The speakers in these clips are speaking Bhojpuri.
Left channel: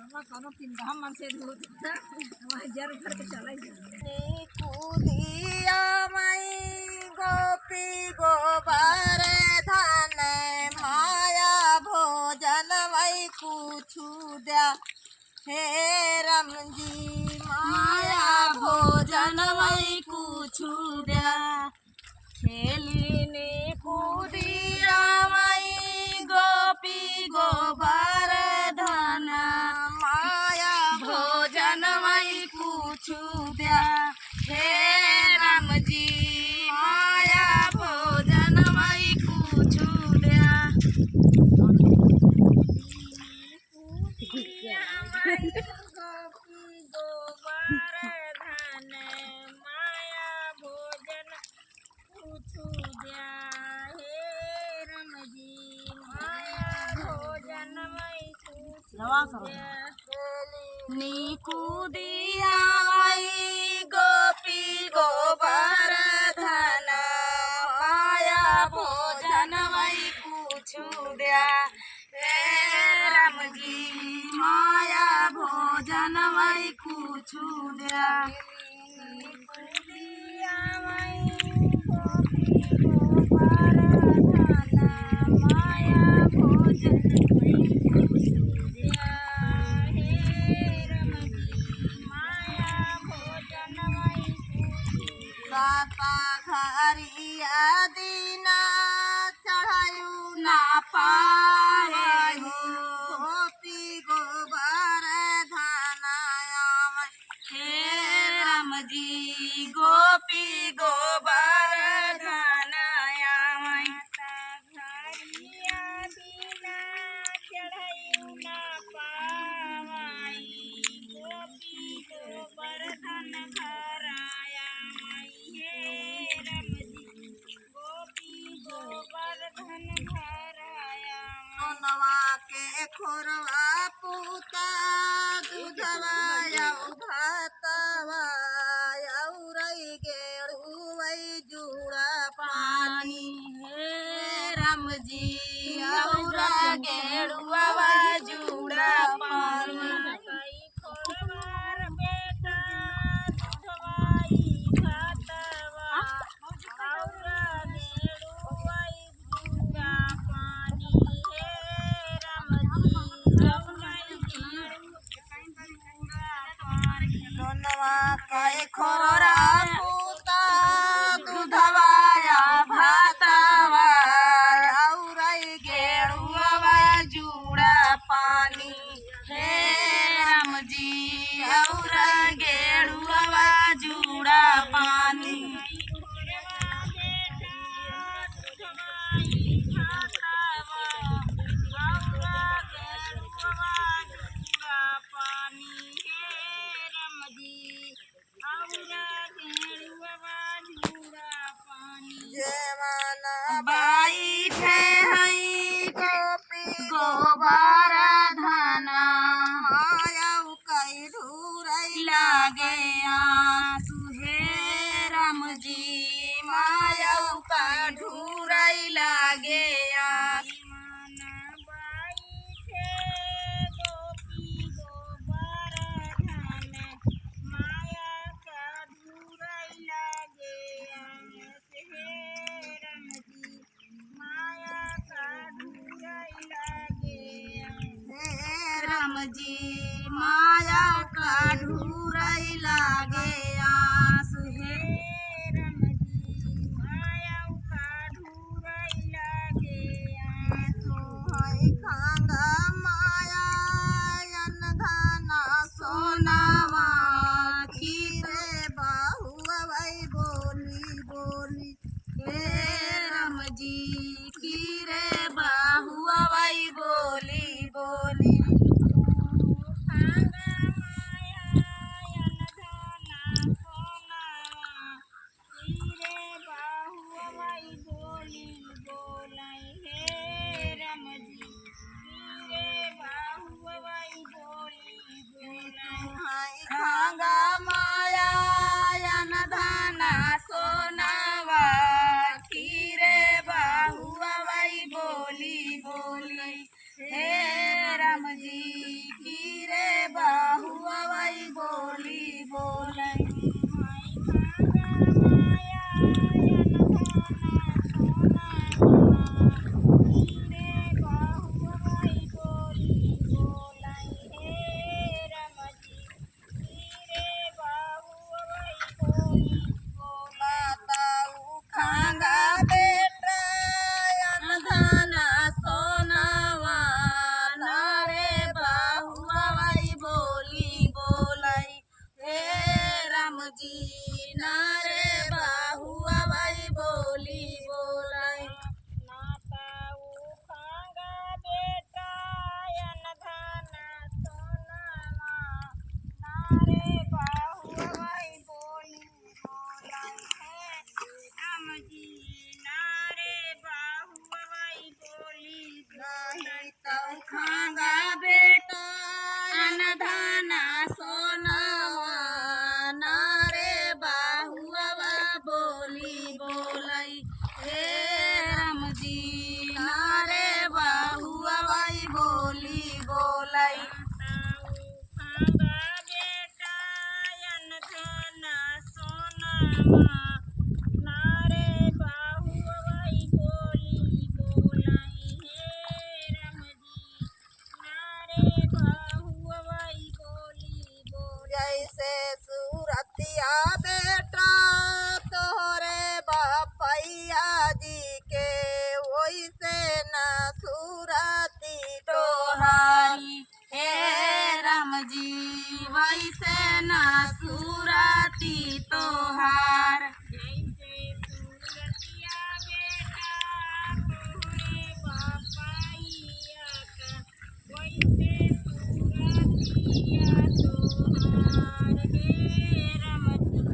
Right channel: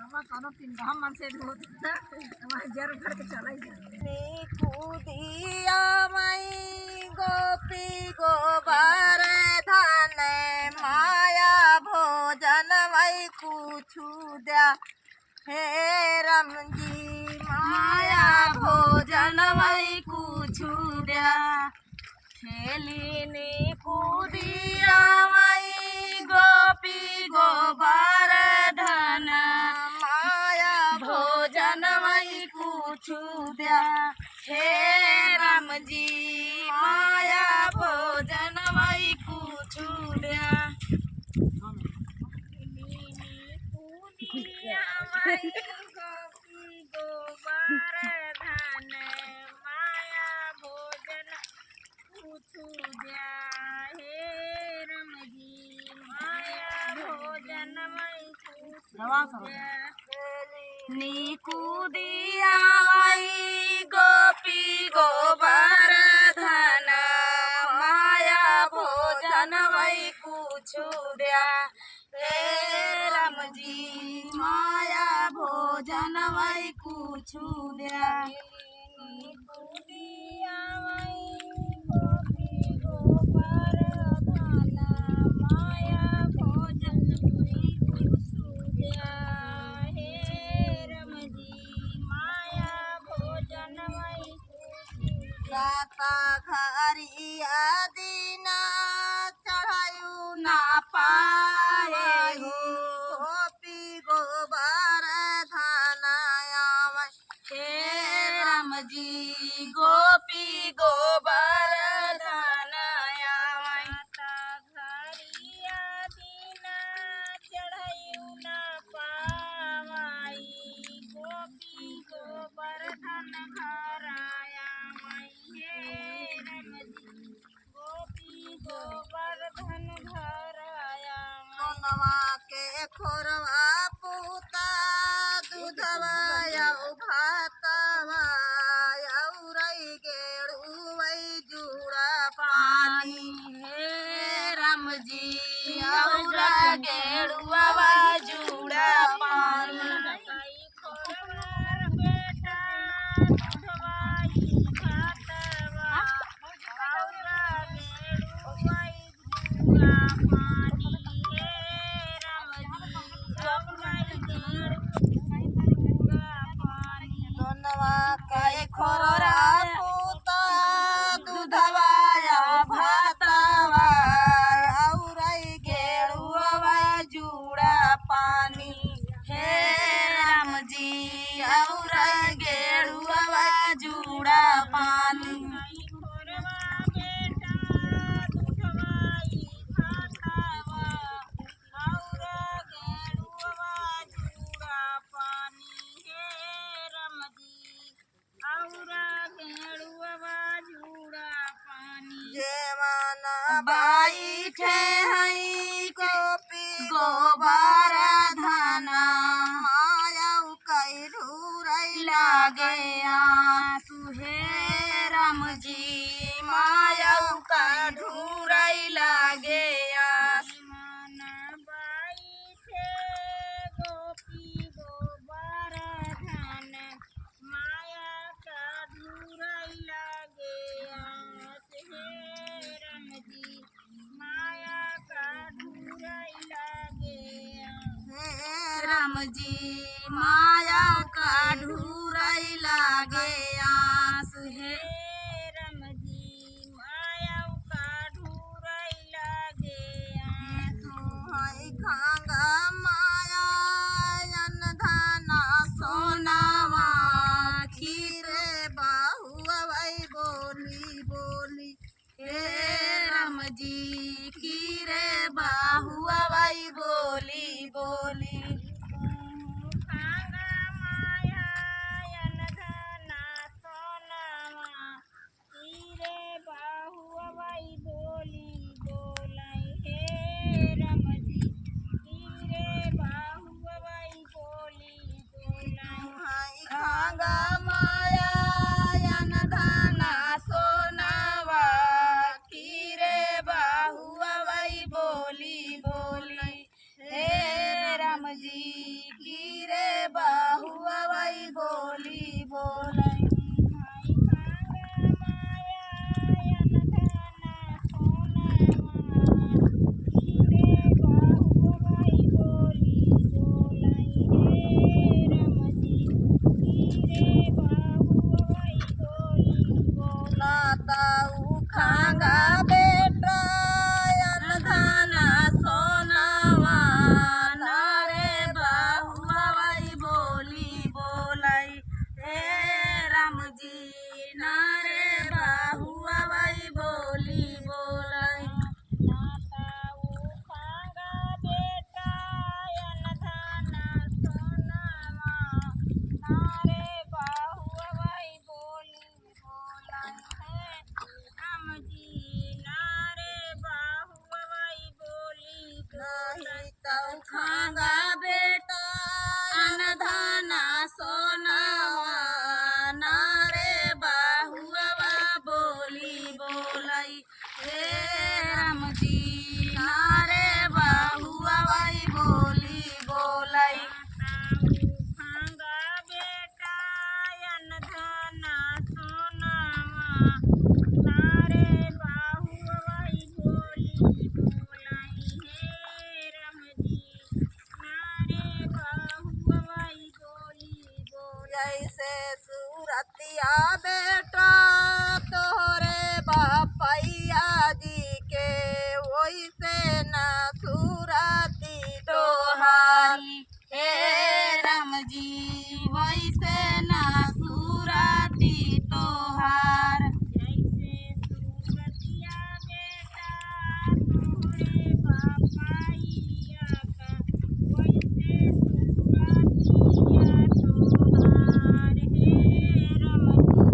कोनो तीन हम मन से धोत हमारे जर भर के चला ही कूदिया मई गोपी गोबर धन माया भोजन मई कुछु द्या हे राम जी माया भोजन मई कुछु द्या खेलिनी कूदिया मई गोपी गोबर धन माया भोजन मई कुछु द्या हे राम जी माया भोजन मई कुछु द्या कूदिया मई गोपी गोबर धन माया भोजन कुछु द्या हे राम जी माया भोजन मई कुछु द्या कूदिया मई गोपी गोबर धन माया भोजन मई कुछु द्या हे राम जी माया भोजन मई कुछु द्या कूदिया मई गोपी गोबर धन माया भोजन मई कुछु द्या हे राम जी माया भोजन मई साता घरिया दीना चढ़ायु ना पाए हो गोपी गोबर धनाया हे राम जी गोपी गोबर धनाया घरिया दीना चढ़ायु ना पावाई गोपी गोबर धन घराया हे राम जी गोपी गोबर धन घराया सोनवा के खोरवा पूता दूधवा यौ भातवा यौ रई गेड़ुवई जुड़ा पानी हे राम जी यौरा गेड़ुआ जुड़ा पानी बेटा दूधवाई भातवा औरा गेड़ुवई जुड़ा पानी हे राम जी औरा गेड़ुवई जुड़ा पानी सोनवा के खोरा पूता दूधवा या भातवा औरई गेड़ुआ जुड़ा पानी हे राम जी औरा गेड़ुआ जुड़ा पानी बाई ठे हई गोपी गोबर धन मायौ कई ढूरई लागे आंसू हे राम जी मायौ का ढूरई लागे आंसू गोपी गोबर धन माया का ढूरई लागे आंसू हे राम जी माया का ढूरई लागे हे राम जी माया का ढूरई लागे आंसू हे राम जी माया का ढूरई लागे आंसू हई खांगा माया अन धना सोनावा खीरे बाहुवई बोली बोली हे राम जी खीरे बाहुवई बोली बोली खांगा माया अन धना सोनावा खीरे बाहुवई बोली बोलाई हे राम जी खीरे बाहुवई बोली बोलाई खांगा माया अन धना सोनावा खीरे बाहुवई बोली बोली हे राम जी खीरे भाई। भांगा बेटा अन धना सोनावा नारे बाहु वही बोली बोलाई हे राम जी नारे बाहु वही बोली बोलाई जैसे सूरतिया बेटा तोहरे बापैया जी के वैसे न सूरती तोहारी हे राम जी वैसे न सूरती तोहार। जैसे सूरतिया बेटा तोहरे बापैया का वैसे सूरतिया तोहार हे राम जी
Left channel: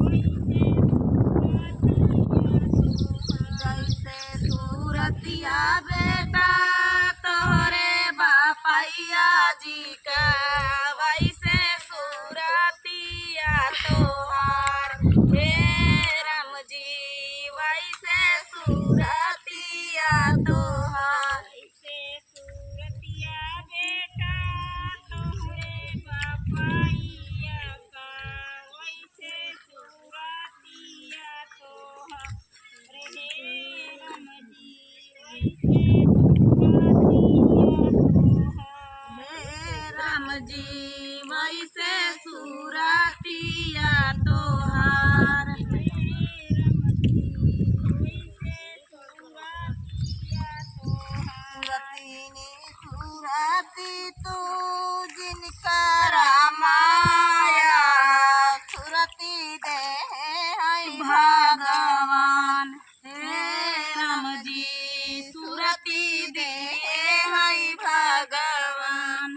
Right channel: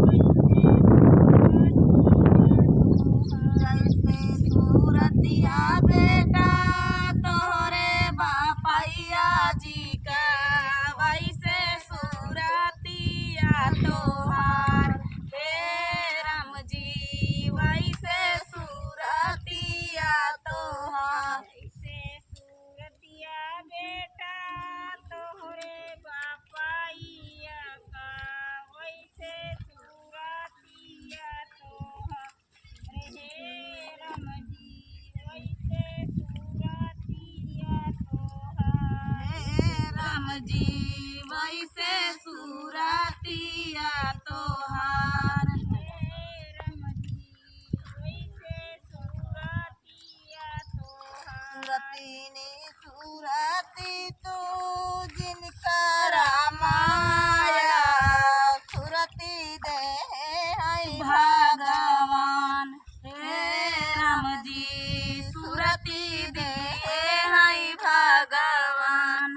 वैसे सूरतिया तोहार। जैसे सूरतिया बेटा तोहरे बापैया जी का वैसे सूरतिया तोहार हे राम जी वैसे सूरतिया तोहार। जैसे सूरतिया बेटा तोहरे बापैया का वैसे सूरतिया तोहार हे राम जी वैसे सूरतिया तोहार। हे राम जी वैसे सूरतिया तोहार। सूरतीनी सूरती तू जिनका रामाया सूरती दे है भगवान हे राम जी सूरती दे है भगवान।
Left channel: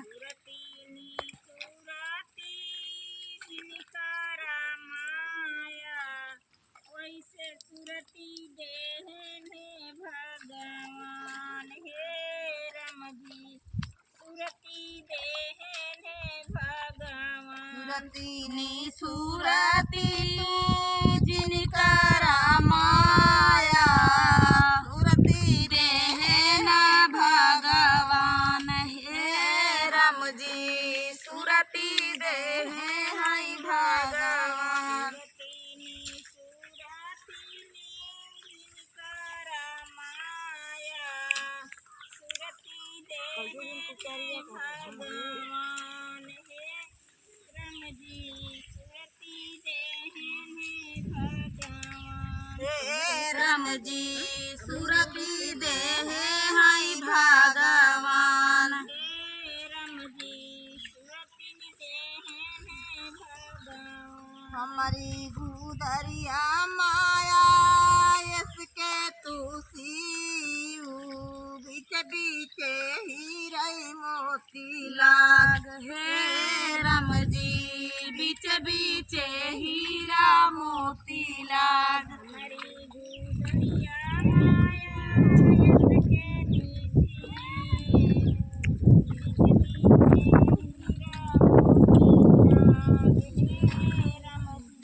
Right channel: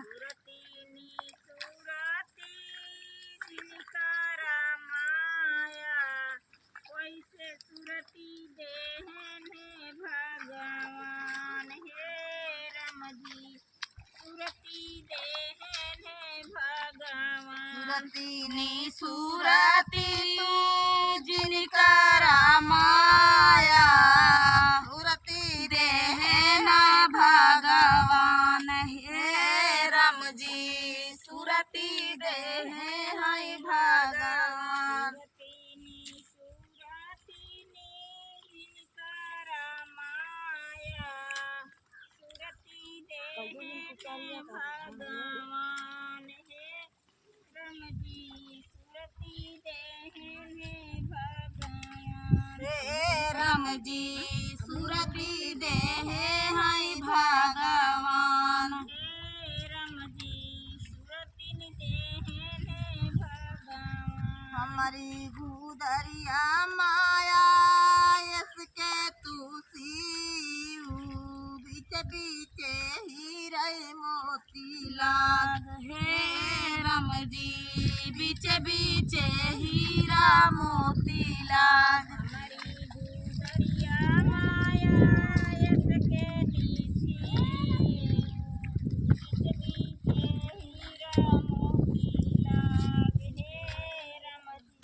सूरती देहन भगवान हे राम जी सूरती देहन भगवान। सूरतीनी सूरती तू जिनका रामाया सूरती दे है भगवान हे राम जी सूरती दे है भगवान। सूरतीनी सूरतीनी जिनका रामाया सूरती देहन भगवान हे राम जी सूरती देहन भगवान। हे राम जी सूरती दे है भगवान। हे राम जी सूरती देहन भगवान। हमारी गुदरिया माया इसके तू सीऊ बीच बीच हीरे मोती लाग हे राम जी बीच बीच हीरा मोती लाग। हमारी गुदरिया माया इसके नीसी हीरा मोती लाग हे राम जी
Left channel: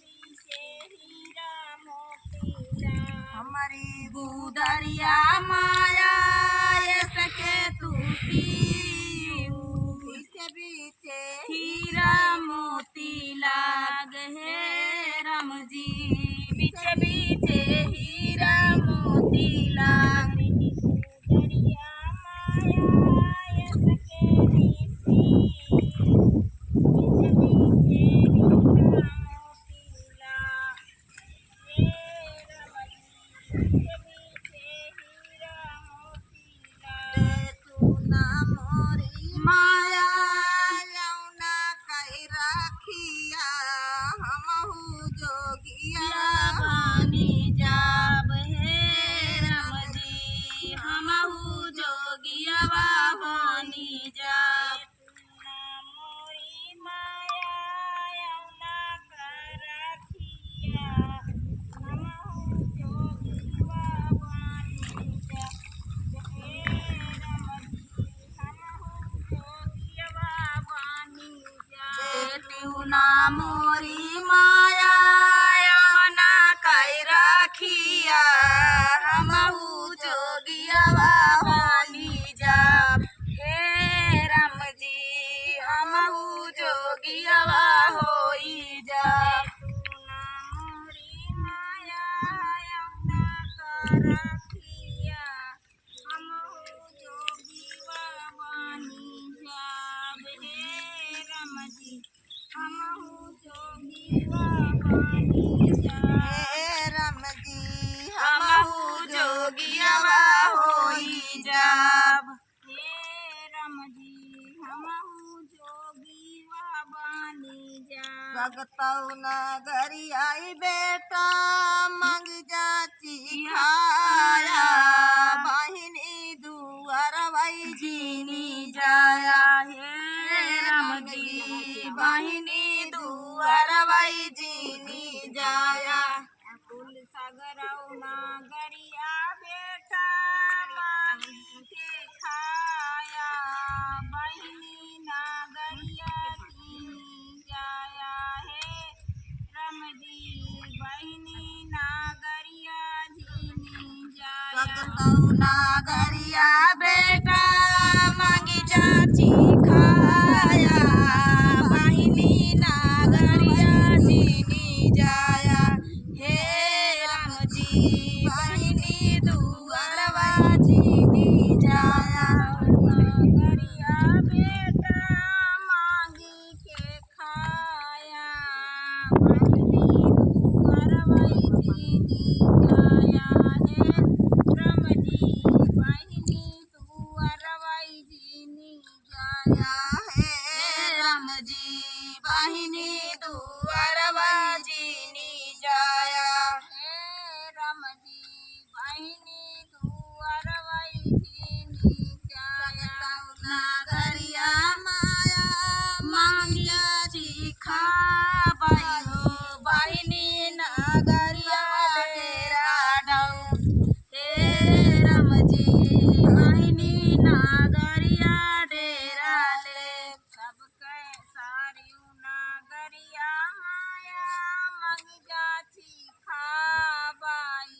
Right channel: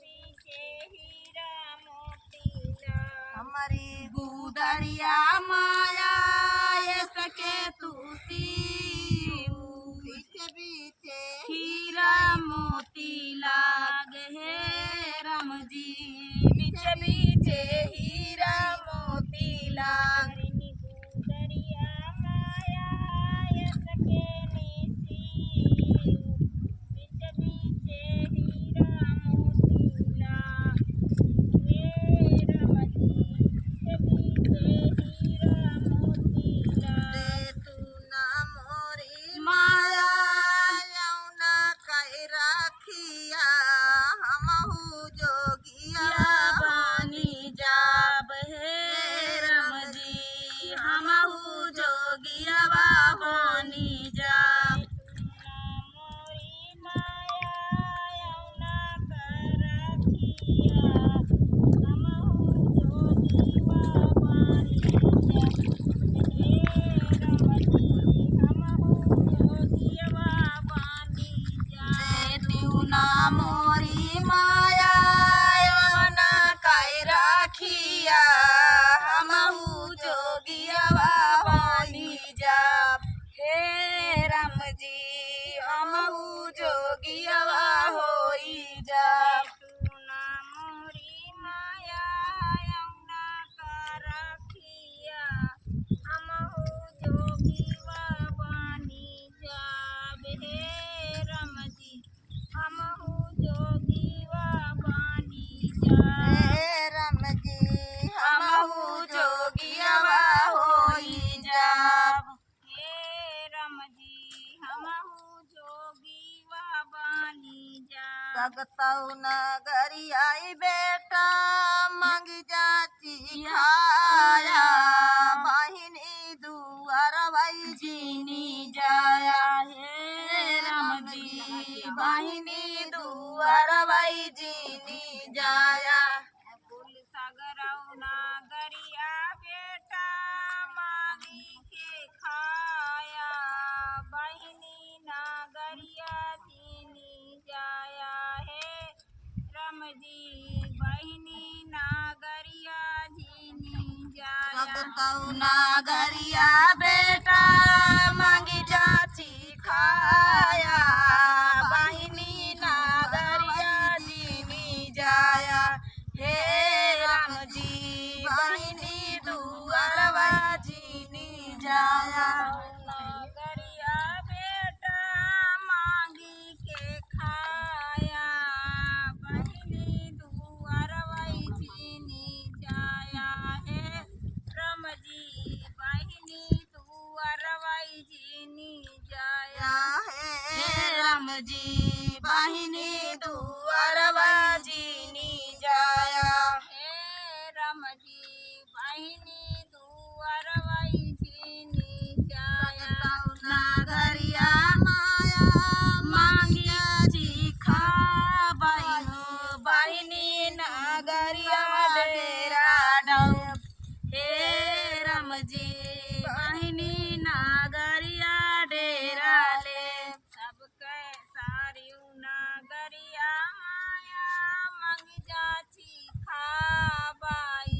बीच हीरा मोती लाग। हमारी गुदरिया माया इसके तू सीऊ बीच बीच हीरा मोती लाग हे राम जी बीच बीच हीरा मोती लाग। गुदरिया माया इसके नीसी बीच हीरा मोती लाग हे राम जी बीच हीरा मोती लाग। तू ना मोरी माया यौना कई राखिया हमहू जोगिया बानी जाब हे राम जी हमहू जोगिया बानी जाब। मोरी माया यौना कर रखिया हमहु जोगीवा बानी जा हे राम जी हमहु जोगीवा बानी जा। तू ना मोरी माया यौना कई राखिया हमहू जोगिया बानी जाब हे बानी जा। हे राम जी हमहु जोगियावा होई जाब। हे राम जी हमहु जोगीवा बानी जा। भगतौ नगरी आई बेटा मंग जाची खाया, बहिनी दुआर भाई जीनी जाया। हे राम जी बहिनी दुआर भाई जीनी जाया। कुल सागरौ नागरिया बेटा मांगी के खाया, बहिनी नागरिया चीनी जाया। हे राम जी बहिनी नागरिया चीनी जाया। भगतौ नगरिया बेटा मंगी जाची खाया, बहिनी नागरिया जीनी जाया। हे राम जी बहिनी दुआरवा जीनी जाया। नागरिया बेटा मांगी के खाया, बहिनी दुआरवाई चीनी जाया। हे राम जी बहिनी दुआरवाई चीनी जाया। हे राम जी बहिनी दुआरवा जीनी जाया। हे राम जी बहिनी दुआरवाई चीनी जाया। नगरिया माया मांगिया जी खाबाई हो, बहिनी नगरिया डेरा डौ। हे राम जी बहिनी नगरिया डेरा ले। सबके सारियू नागरिया माया मंग जाची खाबाई,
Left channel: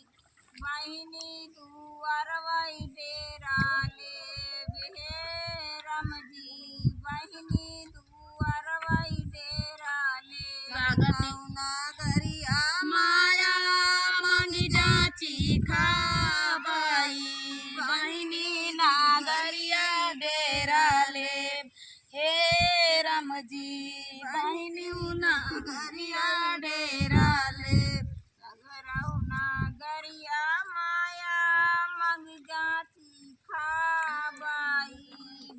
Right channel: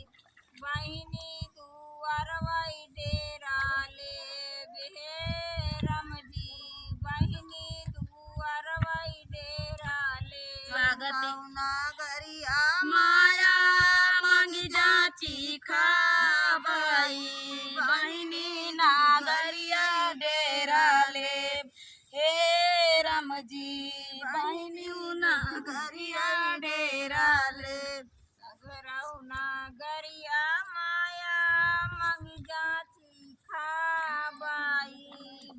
बहिनी दुआरवाई डेरा ले। हे राम जी बहिनी दुआरवाई डेरा ले। भगतौ नगरिया माया मांगी जाची खाबाई, बहिनी नगरिया डेरा ले। हे राम जी बहिनी नगरिया डेरा ले। सगरौ नागरिया माया मंग जाची खाबाई,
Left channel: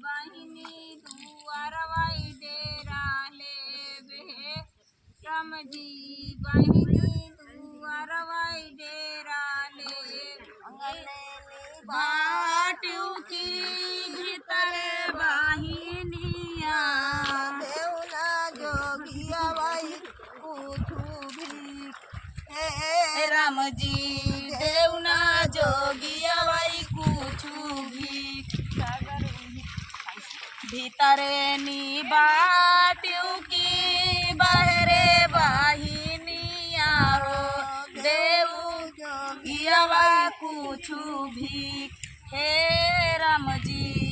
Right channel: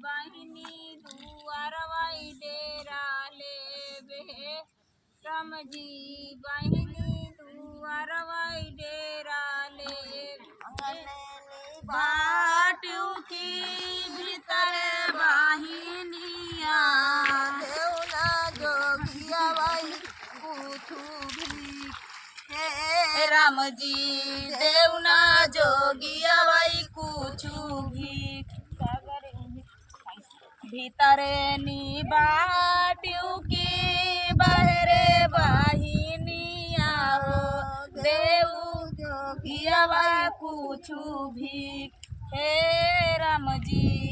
बहिनी दुआरवाई डेरा ले। हे राम जी बहिनी दुआरवाई डेरा ले। अंगनेनी बाटू की भीतर बाहिनिया, देउना जोगिया भाई कुछु भी। हे राम जी देउना जोगिया भाई कुछु भी। भीतरे नी बाटू की बहरे बाहिनिया हो, देऊ जोगिया भाई कुछु भी। हे राम जी